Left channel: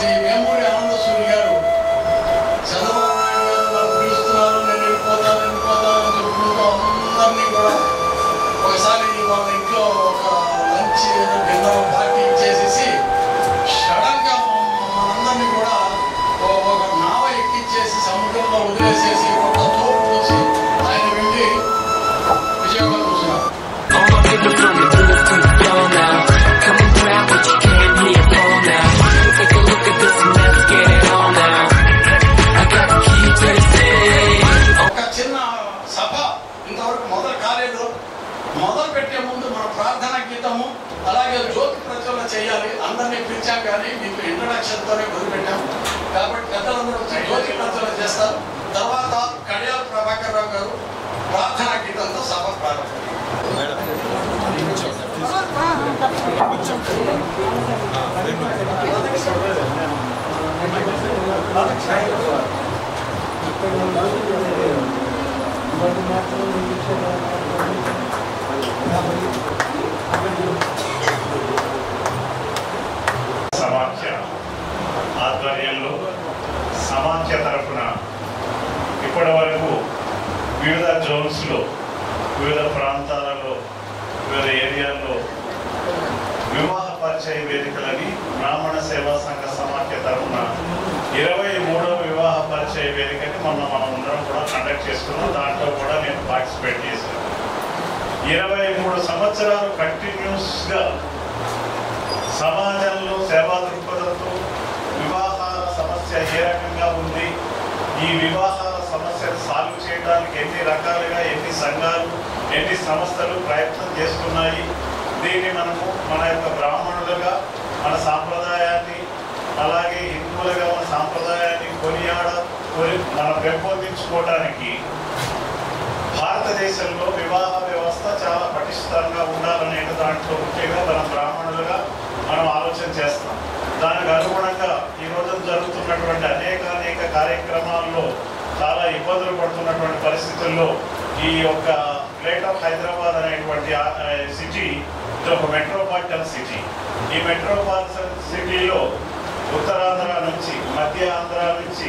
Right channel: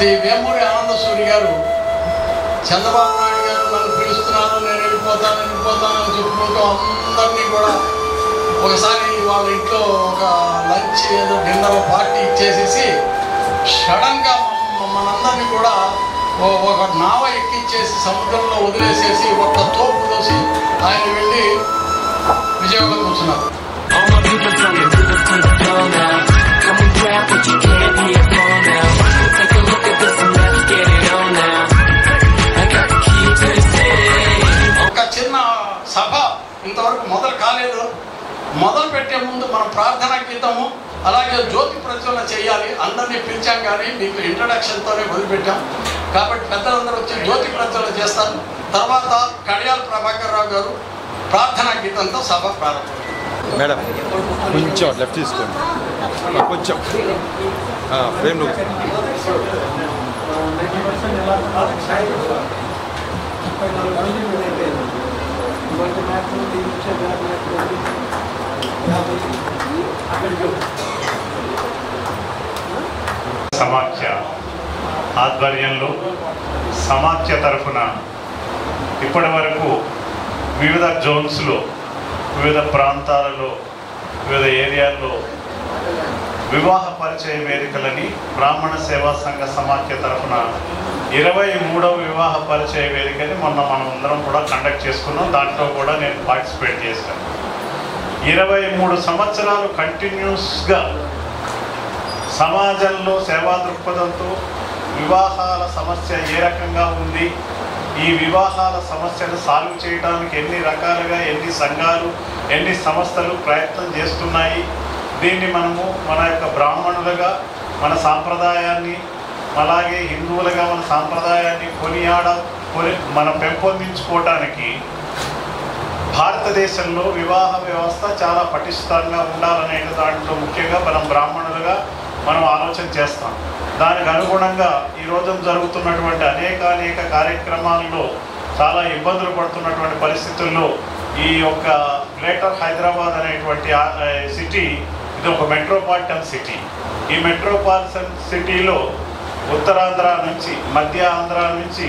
శ్రీ వేమూరి ఆనంద సూరి గారు చంద్రబాబు నాయుడు గారు నన్ను పిలుస్తున్నారు, నేను వెళ్ళిపోతానని చెప్పుకుంటూ అందరినీ కూడా ఒకసారి వాళ్ళ ఇంట్లో ఒక లంచ్ డిన్నర్ పార్టీ ఇచ్చేసేసి సడన్గా మనందరినీ కూడా ఒక నావ ఎక్కించేసి సముద్రంలో వదిలేసేసి ఒక తోపు పోసి ఆయన వెళ్ళి విజయవాడలో కూర్చున్నారు. ఒక చిన్న సభ ఇంతవరకు మొదలు కాలేదు. మొదలు పెట్టే ముందు మన ప్రార్థనా గీతము అలాగే జ్యోతి ప్రచురణ చేయాలి. అందరినీ పిలిచాం కానీ మీకు ఇంట్రడక్షన్తోనే మొదలుపెట్టాం కాబట్టి పెద్దలందరూ వచ్చి జ్యోతి ప్రచురణ చేస్తారు. తర్వాత కడియాల ప్రభాకర్ రావు గారు ప్రార్థనా గీతంతో సభ ప్రారంభం. సమాఖ్య ఆధ్వర్యంలో సమాఖ్య తరఫున ఇప్పటి వరకు వివిధ జోన్స్లో, వివిధ ప్రాంతాలలో, వివిధ ఏరియాల్లో వివాహ పరిచయ వేదికలని బ్రాహ్మణ సేవా సంఘ సమాఖ్య తరఫున 23వ వివాహ పరిచయ వేదికని మనం అందరం కూడా కండక్ట్ చేసుకున్నాం. దాంట్లో కూడా నేను పార్టిసిపేట్ చేశాను. 23 సంవత్సరాలు కంటిన్యూస్గా సమాజంలో సేవా దృక్పథంతో వివాహాల సమస్య ఏ రకంగా ఉంది, ఈ వివాహాల సమస్యను సాల్వ్ చేయడానికి ఎన్ని రకాలుగా ఎన్ని సంఘాలు ఎన్ని సంస్థలు ప్రయత్నం చేస్తున్నాయి. దీన్ని మనము మన యొక్క బ్రాహ్మణులుగా మన సాంప్రదాయాన్ని, అలాగే హిందువులుగా మన సాంప్రదాయాన్ని మనం పెంపొందించుకోవటానికి భారతదేశంలో వివాహ వ్యవస్థ చాలా పటిష్టంగా ఉండాలనే దాంట్లో ముఖ్యంగా మనం బ్రాహ్మణులుగా మనం ఆలోచన చేస్తాం. దానికి అనుగుణంగా ఈ రోజు జరుగుతున్నటువంటి అనేక కార్యక్రమాల్లో చాలా ఇబ్బందులు పడుతున్నటువంటి పరిస్థితుల్లో ఈ యొక్క గ్రేటర్ హైదరాబాద్ అనేటువంటి సిటీ ఇది ఒక మెట్రోపాలిటన్ సిటీ. ఈ మెట్రోపాలిటన్ సిటీలో ఉత్తరాంధ్ర నుంచి, మధ్య ఆంధ్ర నుంచి,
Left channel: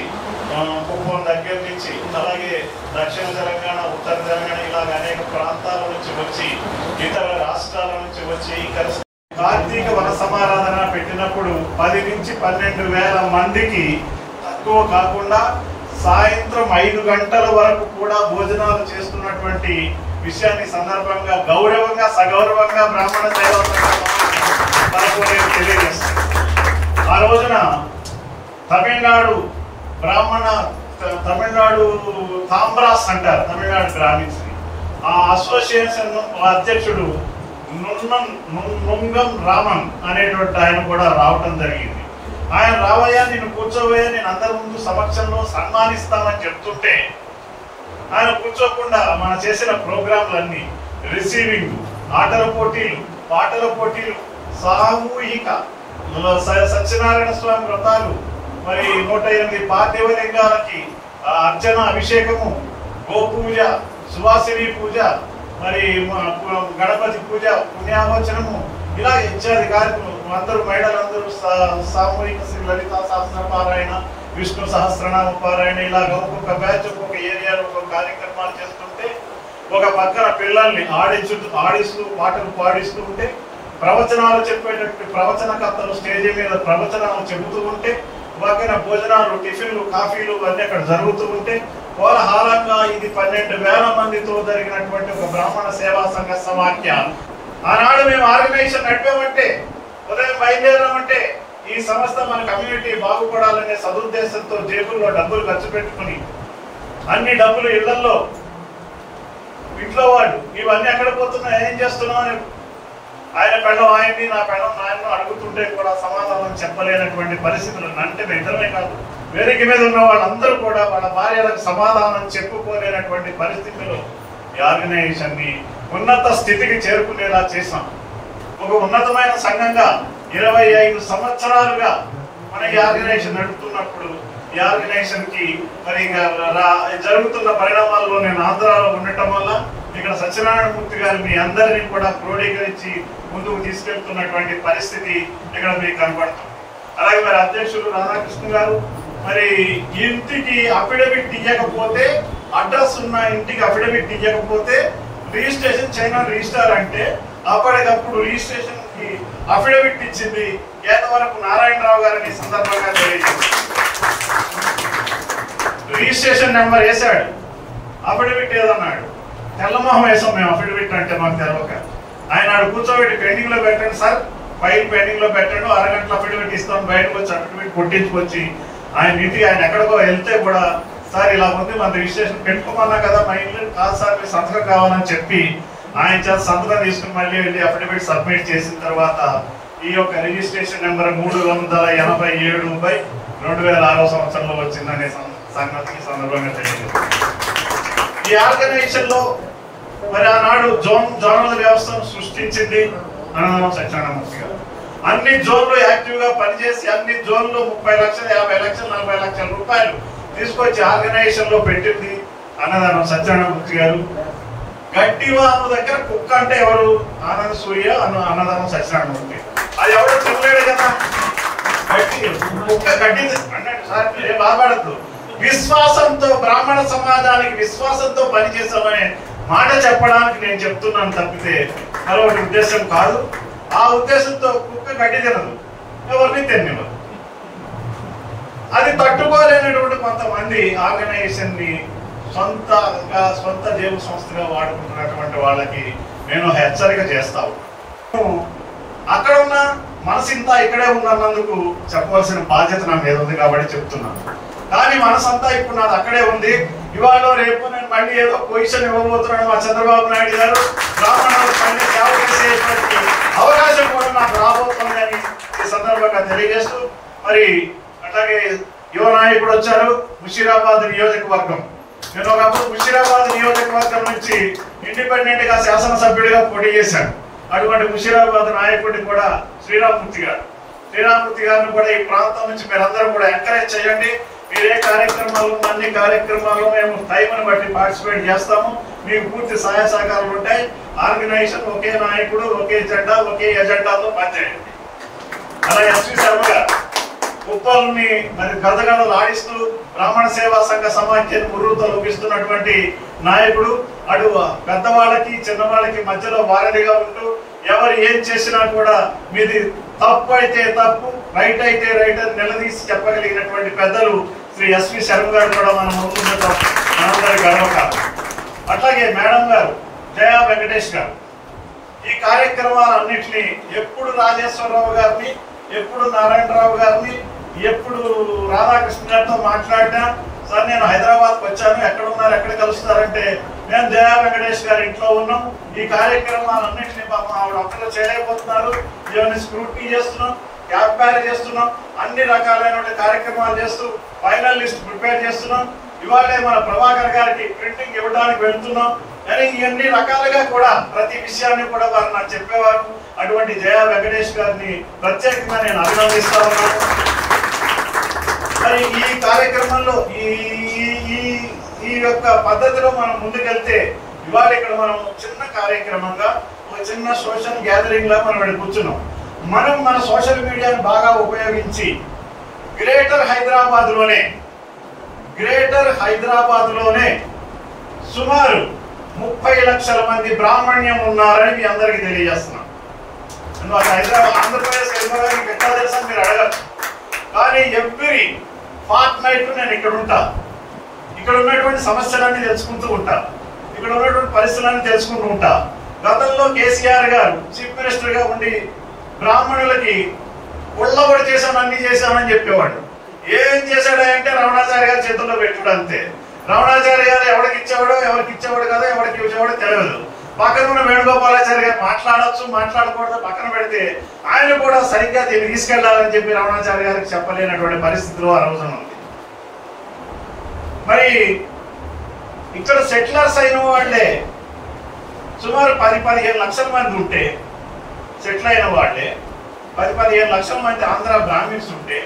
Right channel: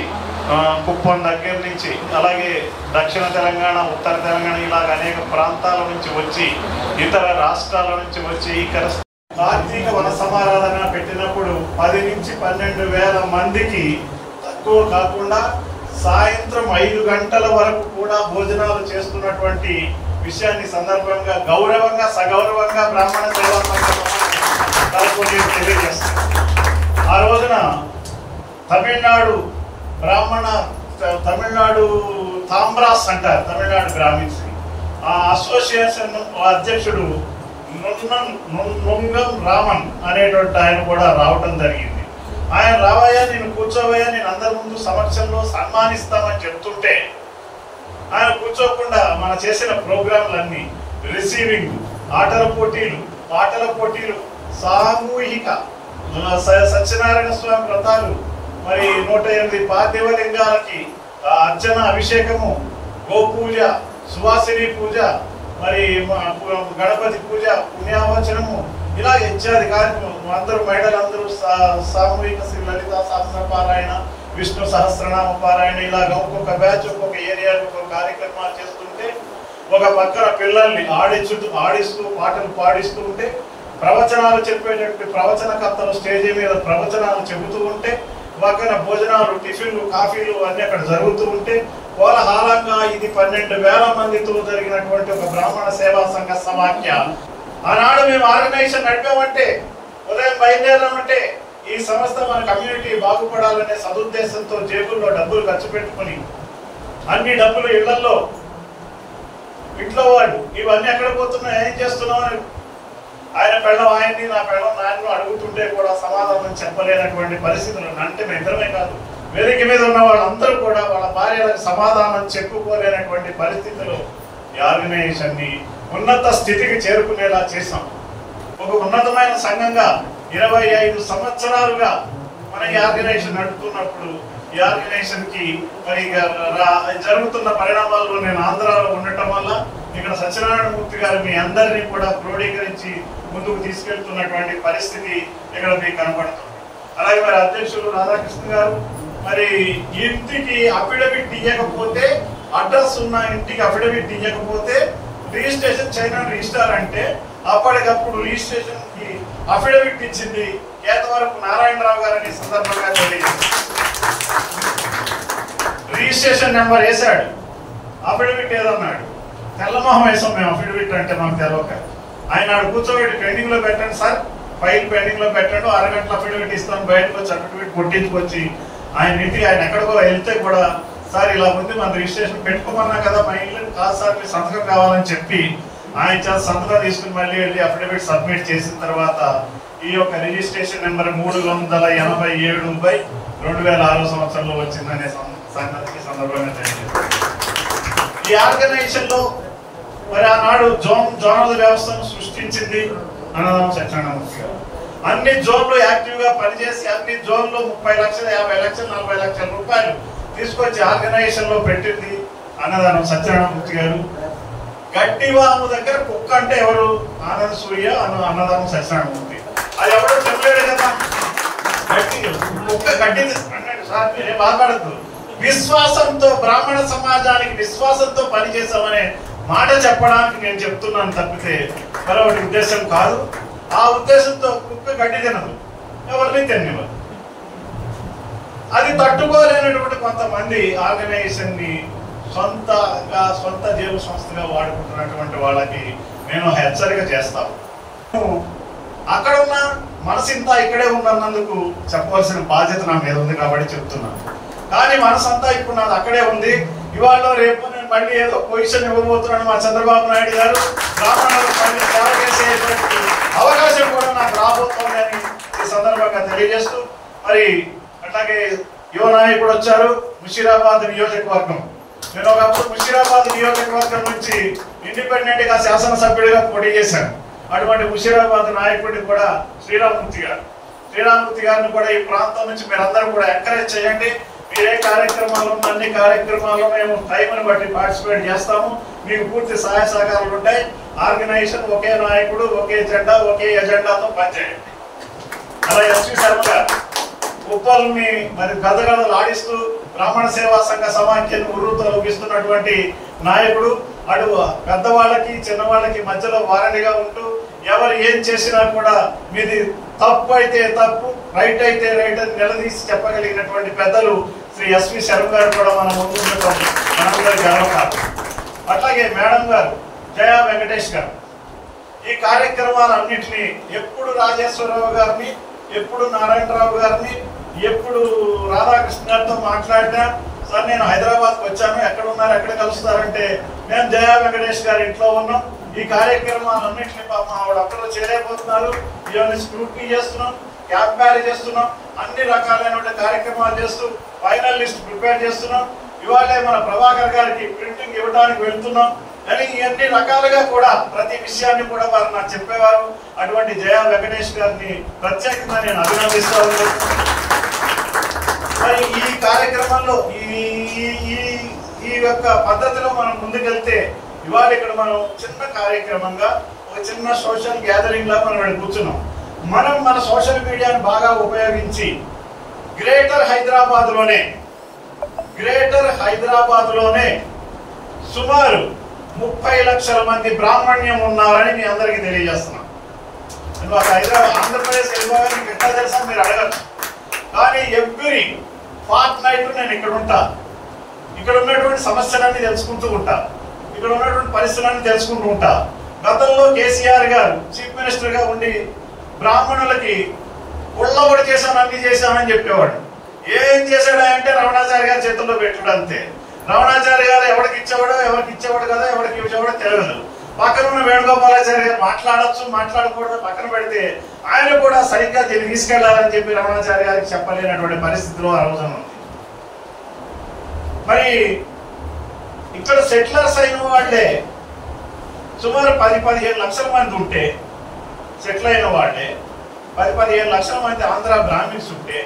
కుప్పం దగ్గర నుంచి, అలాగే దక్షిణ తెలంగాణ, ఉత్తర తెలంగాణ ఇలాగ అనేక ప్రాంతాల నుంచి వచ్చి, ఇతర రాష్ట్రాల నుంచి వచ్చి ఇక్కడ కార్తీక వన సమారాధన పెట్టినప్పుడు 10 నుంచి 12 వేల మందికి తక్కువ కాకుండా సాయంత్రం 5 గంటల వరకు కూడా భోజనాలు చేస్తున్నటువంటి విషయాన్ని సందర్భంగా గౌరవంగా సగౌరవంగా బ్రాహ్మణ సేవా తెలియజేస్తాను. ఆ రోజున తమిళనాడు తాంబ్రాస్ అంటారు, తమిళనాడు బ్రాహ్మిన్స్. ఆ అసోసియేషన్ అధ్యక్షుడు నుంగం రామన్ అనేటువంటి ఆయన కూడా రావటం జరిగింది. ఆయన రావయ్యా, నేను కూర్చోవయ్యా, నేను అందరి ముందు సమక్షంలో సన్మానిస్తామని చెప్తుంటే ఆయన కూర్చోకుండా మన చేసిన ప్రోగ్రాంలన్నీ రిసీవింగ్, ఆటల పోటీలు, పాటల పోటీలు, సామూహిక సత్యనారాయణ స్వామి వ్రతాలు, మరి 108 పార్థివలింగాలకి అర్చన, అభిషేకము, గోపూజ, సువాసిని పూజ, మరి గణపతి పూజ, పుణ్యావచనము, ఇలా ఇత్యాది కార్యక్రమం. అందరూ మహిళలందరూ సామూహిక శ్రీ లలితా సహస్ర పారాయణ, విష్ణు సహస్రనామ పారాయణ, ఇలాగ ఒక్కొక్క బ్యాచ్ ఒక్కొక్క ఏరియాలో ఒక్కొక్క కార్యక్రమాలు చేస్తుంటే ఒక పక్కన పిల్లల్ని ఆడిస్తూ పాటలు పాడిస్తూ ఉంటే, ప్రవచనాలు చెప్పేటటువంటి ప్రవచనకర్తలు స్టేజ్ మీద ప్రవచనాలు చెబుతూ ఉంటే, పక్కన భోజనాలు, టిఫిన్లు, కాఫీలు అన్ని అక్కడ జరుగుతూ ఉంటే కోలాహలంగా ఇది 12,000 మందితో జరిగినటువంటి ఒక బ్రాహ్మణ సేవా సంఘ సమాఖ్య. ఆనాడు మేము ఆర్గనైజేషన్ నడిపామంటే, ఉదయం బయలుదేరామంటే ఈ సంస్థ మన కమ్యూనిటీ బాగుపడాలనే సదుద్దేశంతో జేబుల్లో డబ్బులు ఖర్చు పెట్టుకుని అన్ని డబ్బులు ఇళ్లలో, ఇంట్లో వాడు ఇవన్నీ ఎక్కడ పోతున్నా, ఏం చేస్తున్నావు అని ఆయన పెళ్ళం ఆయన్ని, నా పెళ్ళం నాయన్ని అడుగుతుంటే కూడా సమాధానం చెప్పలేనటువంటి పరిస్థితులు. అంటే ఇద్దరమే కాదు, వేదిక మీద ఉన్న వాళ్ళందరూ కూడా వాళ్ళ భార్యలకు సమాధానం చెప్పుకోలేనటువంటి పరిస్థితుల్లో ఈ ఆర్గనైజేషన్ ని ఉన్నత స్థితికి చేరుకునేలా చేశాం. ఒక ఉన్నతమైన సంఘంగా 25 సంవత్సరాలుగా మన ఈ ఆర్గనైజేషన్ నడుపుతున్నప్పుడు ఈ ఆర్గనైజేషన్ కి మరి జరుగుతున్న పరిణామాల్లో నేను ఆంధ్రాలో ఉండటం వల్ల ఇక్కడ సత్యనారాయణమూర్తి గారు మీ అందరినీ కూడా క్రోడీకరించి ముందుకు తీసుకెళ్తున్నటువంటి పరిస్థితి ఇక్కడ మీకు కనబడుతుంది. అలాగే మరి అధ్యక్షులు రాధాకృష్ణ గారు మరి ఇంటికి అఫిడవిట్ ఇవ్వకపోతే, అడ్రస్ ఉన్న ఇంటికి అఫిడవిట్ ఇవ్వకపోతే రిజిస్ట్రేషన్ చేయడం రిజిస్టార్ అంటే అప్పటికప్పుడు రిజిస్ట్రేషన్ కి అఫిడవిట్ ఇచ్చింది కేతవరపు నారాయణరావు గారిని ఈ సందర్భంగా తెలియజేశారు. రిజిస్ట్రేషన్ నెంబర్ వేసాడు, అఫిడవిట్ ఏదన్నాడు, తెల్లమొహం వేసాం మేము అఫిడవిట్ అంటే మాకు తెలియక. ఆయన కూర్చోబెట్టి పెండింగ్ లో పెట్టండి సార్, ఫైల్ పెండింగ్ లో పెట్టండి, అరగంటల అఫిడవిట్ ఇస్తాం, బయటకు వచ్చి అఫిడవిట్ కొట్టించుకొచ్చి ఆయన ఇంటికి ఆయన ఎక్కడికో వెళ్తే కూడా సార్ ఇలా ఉంది మన రిజిస్ట్రేషన్ పెట్టుకోమన్నా కదా, మా ఇల్లు కాదు సార్ మీరు సంతకం కావాలని చెప్పి ఆయన చేత సంతకం తీసుకుని మళ్ళీ వెళ్ళి అఫిడవిట్ సబ్మిట్ చేసిన తర్వాత ఈ యొక్క రిజిస్ట్రేషన్ నెంబర్ 387/2006 సంవత్సరంలో వచ్చిందనే సంగతి సందర్భంగా తెలియదు. ఈ ఆర్గనైజేషన్ లో మరి ఆనాడు జోనల్ వ్యవస్థను సృష్టించింది అన్నదానం సత్యనారాయణమూర్తి గారు. అన్ని జోన్లు యాక్టివ్ గా పనిచేసి అన్ని జోన్లు 30 లక్షలు, 50 లక్షలు, 40 లక్షల రూపాయలు తీసుకొచ్చి ఆర్గనైజేషన్ లో పెట్టింది అన్నదానం సత్యనారాయణమూర్తి గారు. గడ్డివాము దగ్గర కుక్క అంటే ఎవరు? ఆనంద సూర్య అన్నదానం సత్యనారాయణమూర్తి. అది ఎవరో చెప్పలేడు కదా, కుక్క గడ్డి అన్నాడు. సార్ మీరే బాధపడద్దు, విశ్వాసంతో బ్రాహ్మణ సమాజానికి విశ్వాసంతో పనిచేసామనే మాట చెప్పడానికి నేను చెప్తున్నాను తప్పితే మరొకటి ఉద్దేశం కాదు. ఆ ఉద్దేశంతో కుక్క గడ్డి తినదు, ఎవరిని తినదు. అది తట్టుకోలేనటువంటి కొంతమంది ఆర్గనైజేషన్ ని సొంత జేబు సంస్థగా వాడుకుంటున్నటువంటి వాళ్ళకి నేను హెచ్చరిక చేస్తాను. అక్కడ ఉన్న మనసింతా ఇక్కడే ఉన్నందుకు చెప్పవలసిన బాధ్యత నా మీద ఉంది కాబట్టి చెప్తున్నాను. కానీ మనసంతా ఇప్పుడు నాది అక్కడే ఉంది. ఇవాళ రేపు నేను మళ్ళీ ఏదో పొజిషన్ ఇవ్వబోతున్నాను మా చంద్రబాబు నాయుడు గారు, బ్రాహ్మణులకు మళ్ళీ సేవ చేసేటువంటి అవకాశం కూడా నాకు రాబోతుంది అని ఈ సందర్భంగా తెలియజేస్తూ, మరి అట్లాగే యువ నాయకుడు వచ్చారు ముషీరాబాద్ నియోజకవర్గం. నేను ఒకప్పుడు ముషీరాబాద్ నియోజకవర్గం నుంచి ఇండిపెండెంట్ గా శాసనసభ్యుడిగా పోటీ చేశాను. అటువంటి ముషీరాబాద్ నాయకుడిని కూడా శ్రీరామూర్తి గారిని కూడా ఈ ప్రాంతం నుంచి మీరందరూ కూడా ఎంకరేజ్ చేయండి. మీరే కార్యక్రమాలు అన్ని కార్యక్రమాల్లో మేము టైంని బట్టి పార్టిసిపేట్ చేస్తాము. మీకు పూర్తి సహాయ సహకారాలు ఉంటాయి. ఆర్గనైజేషన్ ఒకే నాయకుడు, ఒకే జెండా, ఒకే ఎజెండాతో పనిచేయండి. అలా ఎస్వి శర్మ గారు ఉప్పల్ని మరి గదగదలు ఆడిస్తూ బ్రాహ్మణ సేవా సంఘ సమాఖ్యను ఉర్రుతో లభిస్తున్నటువంటి నాయకుడు. అటు పెద్దవాళ్ళకి చిన్నవాళ్ళకి మధ్యలో వారధిగా ఉంటూ ఎవరు ఏం చేసినా కూడా మీది తప్పు అయితే తప్పు, రైట్ అయితే రైట్ అని నిలదీసి చెప్పగలిగినటువంటి పెద్దలు శ్రీ ఎస్వి శర్మ గారు కూడా మనం ముందుండటం మనందరి గర్వకారణం. అట్లాగే మేడం గారు జయా వెంకటేష్ గారు ఈ కార్యక్రమాలన్నింటినీ ఎప్పుడు రాజేశ్వరరావు గారిని, ఎప్పుడు నారాయణరావు గారిని, ఎప్పుడు రాధాకృష్ణ గారితో మాట్లాడినా సార్ నేను హైదరాబాద్కి వచ్చాను, ఎక్కడ ఉన్నారు, ఎక్కడ కలుస్తారంటే మేము జయా వెంకటేష్ గారి ఇంట్లో ఉన్నాం. ఈ కార్యక్రమాలన్నింటినీ ఆవిడ ఒక్కరు చేయలేకపోతున్నారు. ఇవన్నీ స్క్రూటీ చేస్తున్నాం, క్యాబ్ బ్యారేజ్ చేస్తున్నాం, అన్ని రకాలైన కార్యక్రమాలు చేస్తూ ఫైనల్ లిస్ట్ ప్రిపేర్ చేస్తున్నాం. ఇవాళే మన ప్రభాకర్ గారికి ప్రింటింగ్ ఇవ్వడానికి వెళ్తున్నాం. కానీ ఇవన్నీ రకాలుగా కూడా ప్రతి విషయాన్ని కూడా వారు నాకు చెప్పేవారు. అటువంటి జయా వెంకటేష్ గారిని ప్రత్యేకంగా నేను అభినందిస్తాను. మరి ఈ కార్యక్రమంలో ఈ యొక్క పద్ధతిలో మనం ముందుకెళ్తే ఇవాళ ఇక్కడ మనం చిన్న కార్యక్రమంగా ఒక చిన్న సోషల్ గ్యాదరింగ్ లా మనం ఇక్కడ కూర్చున్నాం. మనం మన సోషల్ మీడియాను బాగా ఉపయోగించి గ్రేటర్ హైదరాబాద్ లోనే సుమారు 30 లక్షల మంది బ్రాహ్మణ్యం ఉన్నారని మీ అందరికీ తెలియజేస్తున్నాం. హైదరాబాద్ ఆంధ్రప్రదేశ్ వెళ్ళిపోవడానికి ఎట్లా తెలుసా మీరు అడగచ్చు. కానీ ఎవ్రీ ఫార్ట్ నైట్ నేను ఇక్కడ ఉంటా, ఇక్కడ ఉన్నటువంటి సమస్యలన్నీ తెలుసుకుంటూ ఉంటా, ఇక్కడ ఉన్నటువంటి పరిస్థితులన్నీ తెలుసుకుంటూ ఉంటా. గతంలో కేసీఆర్ గారు చీఫ్ మినిస్టర్ గా ఉండి బ్రాహ్మణులకి ఒళ్ళబడి చేశాను, అన్ని చేశానని చెప్పేవాడు. ఏం చేశాడంటే రమణాచార్య గారి చేతుల్లో పెట్టుడు అంతే. రమణాచార్య గారు ఎవరికి ఇచ్చేవాడో ఎవరికి ఇచ్చేవాడు కదా, ఎవరికి ఇచ్చేవాడో తెలియదు. పక్కన ఉన్న వేణుగోపాలాచార్య గారు మాట్లాడచ్చు మాట్లాడకూడదు పక్కన పెడితే ఆయన కూడా సరిగ్గా దీన్ని తీసుకెళ్లాలని చెప్పి రమణాచార్య గారికి చెప్పలేనటువంటి పరిస్థితులు ఆ రోజున ఉంది. మరి ఇక్కడ సెటిలర్స్ అయిన వాళ్ళే సుమారు 10-15 లక్షల మంది ఉంటే, సెటిల్ అయిన వాళ్ళే 10-15 లక్షల మంది ఆంధ్ర బ్రాహ్మిన్స్ ఉంటే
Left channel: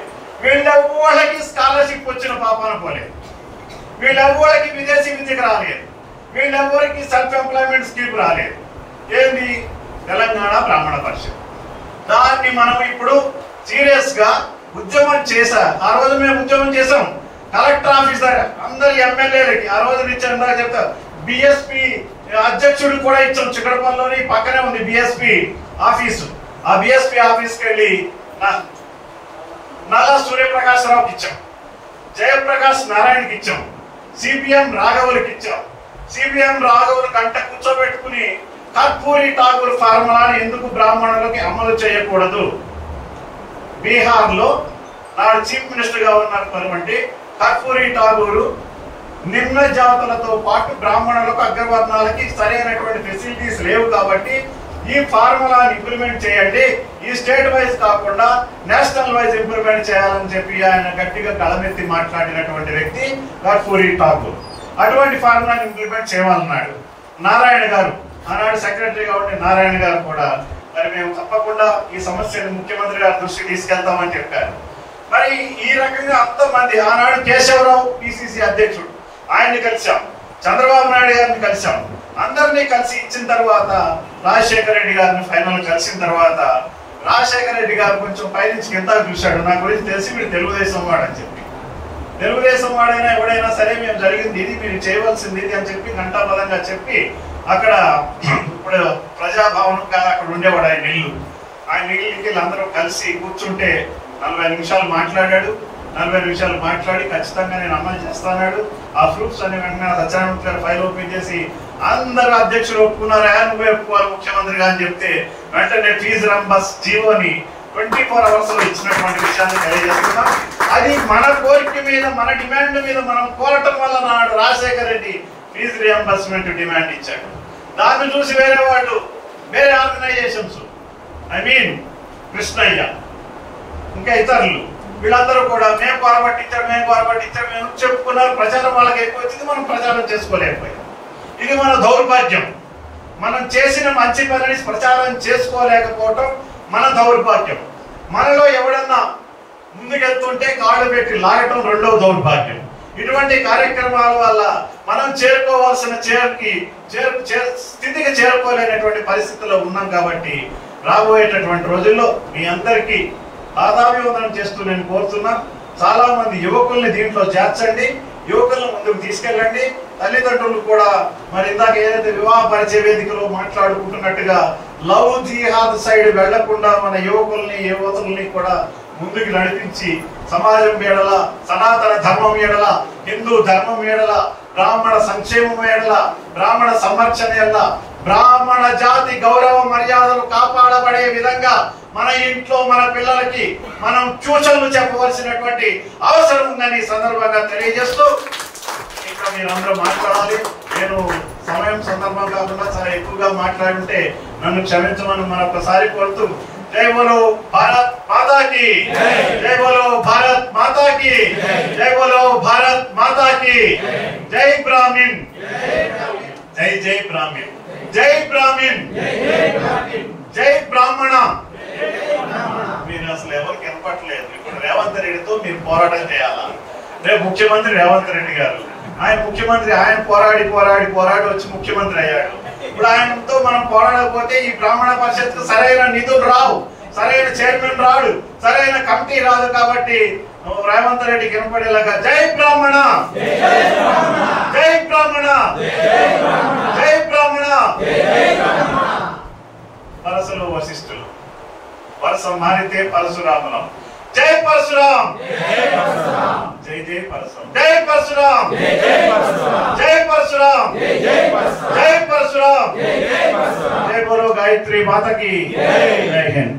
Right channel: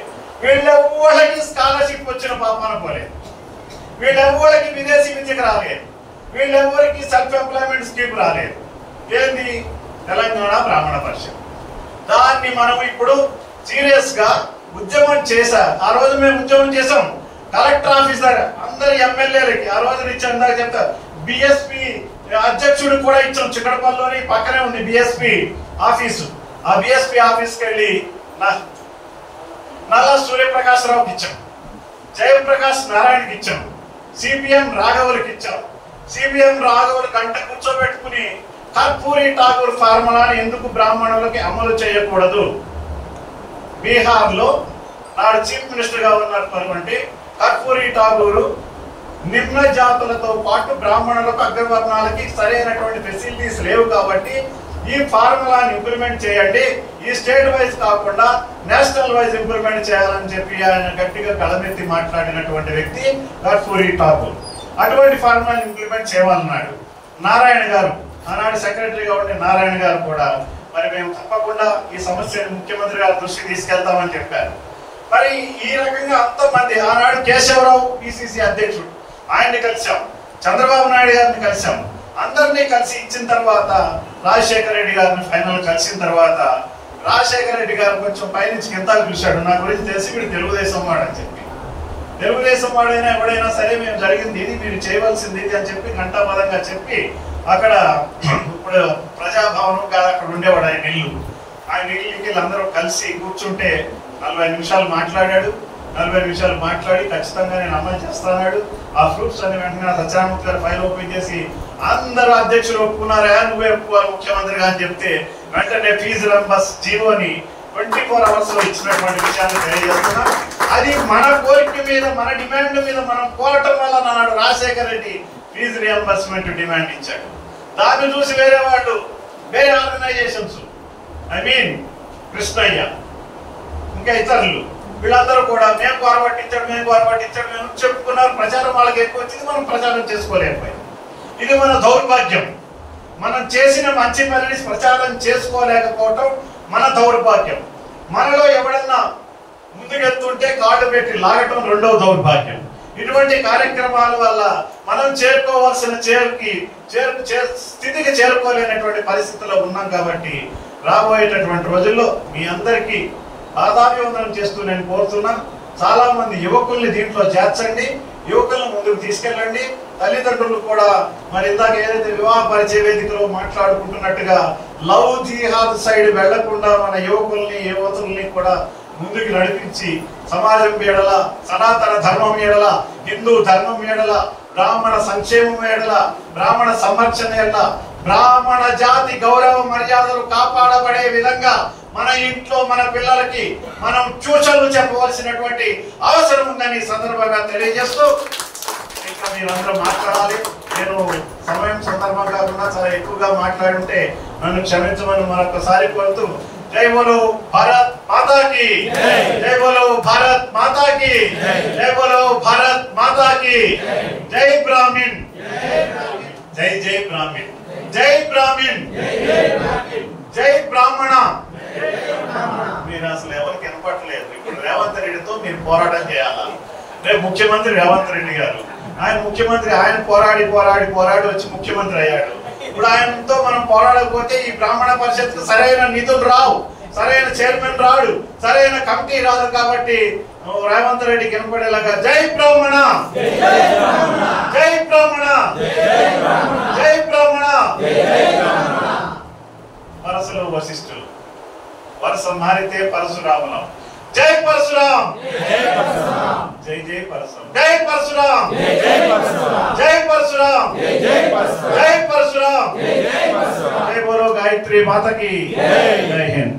వీళ్ళెవ్వళ్ళకి స్కాలర్షిప్ వచ్చిన పాపాన పోలేదు, వీళ్ళెవ్వళ్ళకి విదేశీ విద్యకు రాలేదు, వీళ్ళెవ్వరికి సెల్ఫ్ ఎంప్లాయ్మెంట్ స్కీమ్ రాలేదు. ఏంది? తెలంగాణ బ్రాహ్మణ పరిషత్. దాన్ని మనం ఇప్పుడు సీరియస్ గా ఉద్యమం చేశా. ఆ రోజు మేము ఉద్యమం చేసాం. కలెక్టర్ ఆఫీస్ దగ్గర అందరు ఎమ్మెల్యేలకి ఆ రోజు ఇచ్చాను ఇందాక చెప్తారు. బిఎస్పి అధ్యక్షుడు కూడా ఇచ్చాం. చిక్కడపల్లిలోని పక్కనే ఉంది బిఎస్పి ఆఫీసు. ఆ బిఎస్పి ఆఫీస్కి వెళ్ళి నల్ల సూర్యప్రకాశరావుకి ఇచ్చాం, జయప్రకాష్ నారాయణకి ఇచ్చాం, సిపిఎం రాఘవులకి ఇచ్చాం. సిపిఎం రాఘవులు గంట కూర్చోబెట్టుకుని కర్పూరి ఠాకూర్ ఫార్ములాని ఎందుకు బ్రాహ్మణులకి అమలు చేయకూడదు, బీహార్ లో నాడు చీఫ్ మినిస్టర్ గా ఉన్నటువంటి కర్పూరి ఠాకూర్ నిమ్న జాతులతో పాటు బ్రాహ్మణులకు అగ్రవర్ణాలకి సరైనటువంటి ఫెసిలిటీస్ లేవు కాబట్టి ఈ ఫార్ములాని ఇంప్లిమెంట్ చేయండి, ఈ స్టేట్ వైజ్ కాకుండా నేషనల్ వైజ్ ఇంప్లిమెంట్ చేయాలని చెప్పి ఆయన గట్టిగా గళమెత్తి మాట్లాడినటువంటి వ్యక్తి కర్పూరి ఠాకూర్. అటువంటి ఫార్ములాని ఇంప్లిమెంట్ చేయాలన్నాడు. నారాయణ గారు ఆనాడు సెక్రటరీగా ఉండే నారాయణ గారు కూడా మరి మేము తప్పకుండా ఈ సమస్యను ముఖ్యమంత్రి గారి దృష్టికి తీసుకెళ్తామని చెప్పారు. మరి ఈ రకంగా అంతమంది ఆనాడు కేశవరావు పిసిసి అధ్యక్షుడు, ఆయన్ని కలిసాం, చంద్రబాబు నాయుడు గారిని కలిసాం. అందరినీ కలిసి ఇచ్చిన తర్వాత రాజశేఖర రెడ్డి గారిని ఫైనల్ కలిసిన తర్వాత రాజశేఖర రెడ్డి గారు కొంచెం పైనుంచి కింద చూశాడు. నా గురించి తెలిసి మీరు తెలుగుదేశం వాడని చెప్పి, తెలుగుదేశం వాడైనా ఎవడైనా సరే మేము జరిగింది ఇది, మీరు చేయవలసింది ఇది అని చెప్పి ఘంటాపదంగా చెప్పి అక్కడ ఇప్పుడు ప్రజాభవనం కాదు అక్కడ ఉండేవాడు ఆయన ఇల్లు. ఆయన ఇల్లుకి అందరూ కలిసి కూర్చుంటే 40 నిమిషాలు మాట్లాడాడు. 40 నిమిషాలు మాట్లాడి ఖచ్చితంగా నేను అమలు చేస్తాడు. ఆ ప్రూఫ్స్ అని వెంటనే సత్యానంద్ గారు ఫైల్ ఓపెన్ చేసి అందరూ అధ్యక్షులు ఒప్పుకున్నారా, నువ్వే ఒప్పుకోవాలి ముఖ్యమంత్రిగా అని చెప్తే వెంటనే ఫీజు రంబస్ జీవోని 24 hours లో ఇచ్చినటువంటి విషయాన్ని తెలియజేస్తున్నాం. అది మన కోరిక మీద, మన డిమాండ్ మీద మనం కోరటం వల్ల నాడు Rajasekhara Reddy fee reimbursement demand ఇచ్చాడు. దాన్ని చూసి వేరే వాళ్ళు, వేరే ఆర్గనైజేషన్స్, ఐ మీన్ కృష్ణయ్య ఇంకా ఇతరులు వీళ్ళందరూ కూడా మేము కోరబట్టించాడు మేము చెప్పుకున్నారు. ప్రచారం వాళ్ళకి ఎక్కువ వచ్చింది, మనం ప్రచారం చేసుకోలేకపోయాం. ఇది మన దౌర్భాగ్యం. మనం చేసిన మంచి పనిని ప్రచారం చేసుకోలేకపోవటం మన దౌర్భాగ్యం. మనలో ఎవడన్నా ముందుకెళ్తుంటే కాళ్ళు పెట్టి లాగటం రెండో దౌర్భాగ్యం. ఇటువంటి కార్యక్రమాల వల్ల మనం చేరుకోవాల్సిన స్థితికి చేరుకోలేనటువంటి పరిస్థితుల్లో ఉన్నాం. కాబట్టి రాబోయేటటువంటి రోజుల్లో మీ అందరికీ పాదాభివందనం చేస్తూ నేను కోరుతున్నా. చాలా మంది యువకుల్ని దీంట్లో చేర్చండి, యువకులను ముందుకు తీసుకెళ్ళండి. తల్లిదండ్రులు కూడా మరి ఇందాక ఏదైతే వివాహ పరిచయ వేదికలో మాట్లాడుకుంటున్నట్టుగా లవ్ జిహాద్ సైడ్ వెళ్లకుండా మన యువకుల్ని యువతుల్ని కూడా ముందుకు నడిపించి సమాజం ఏడల, సనాతన ధర్మం ఏడల, హిందూ ధర్మం ఏడల, బ్రాహ్మణ సంక్షేమం ఏడల, బ్రాహ్మణ సంరక్షణ ఏడల, బ్రాహ్మణ జాతి గౌరవ మర్యాదలు కాపాడబడే విధంగా మన ఇంట్లో మన పిల్లలకి మనం సూచనలు చెప్పవలసినటువంటి అవసరం ఉందని సందర్భంగా తెలియజేస్తూ ఇంకా మీరందరూ మాట్లాడాలి. నేను సమయం సందర్భం కాకుండా చాలా ఎక్కువగా మాట్లాడుంటే నన్ను క్షమించమని మరొకసారి కోరుతూ జై బోలో భారత్ మాతా కీ, జై బోలో భారత్ మాతా కీ, జై బోలో భారత్ మాతా కీ. జై బ్రాహ్మణ్, జై జై బ్రాహ్మణ్, జై బ్రాహ్మణ్, జై బ్రాహ్మణ. మీరు అసలు ఎవరికి వినపట్లేదు. ఇప్పుడు రేవంత్ రెడ్డితో మీరు పోరాటం చేయాలా? రేపు ముఖ్యమంత్రి రేవంత్ రెడ్డి గారు, ఆయన ముఖ్యమంత్రి, ఆయన పోరాడి వచ్చి ముఖ్యమంత్రి అయ్యాడు. ఇప్పుడు ఆయనతో మనం పోరాడకపోతే ఈ బ్రాహ్మణ పరిషత్కు సరైన నిధులు రావు, సరైన చైర్మన్ రాడు, సరైన కమిటీ రాదు. కాబట్టి రేవంత్ రెడ్డి కనపడేలాగా జై బ్రాహ్మణ, జై బ్రాహ్మణ, జై బ్రాహ్మణ. పరశులు వశిష్ఠులు, వరుస మారితే పరశురాములం. జై పరశురాం, జై జై పరశురాం, జై పరశురాం, జై పరశురాం, జై పరశురాం. జై బోలో గాయత్రి మాత కీ, జై హింద్.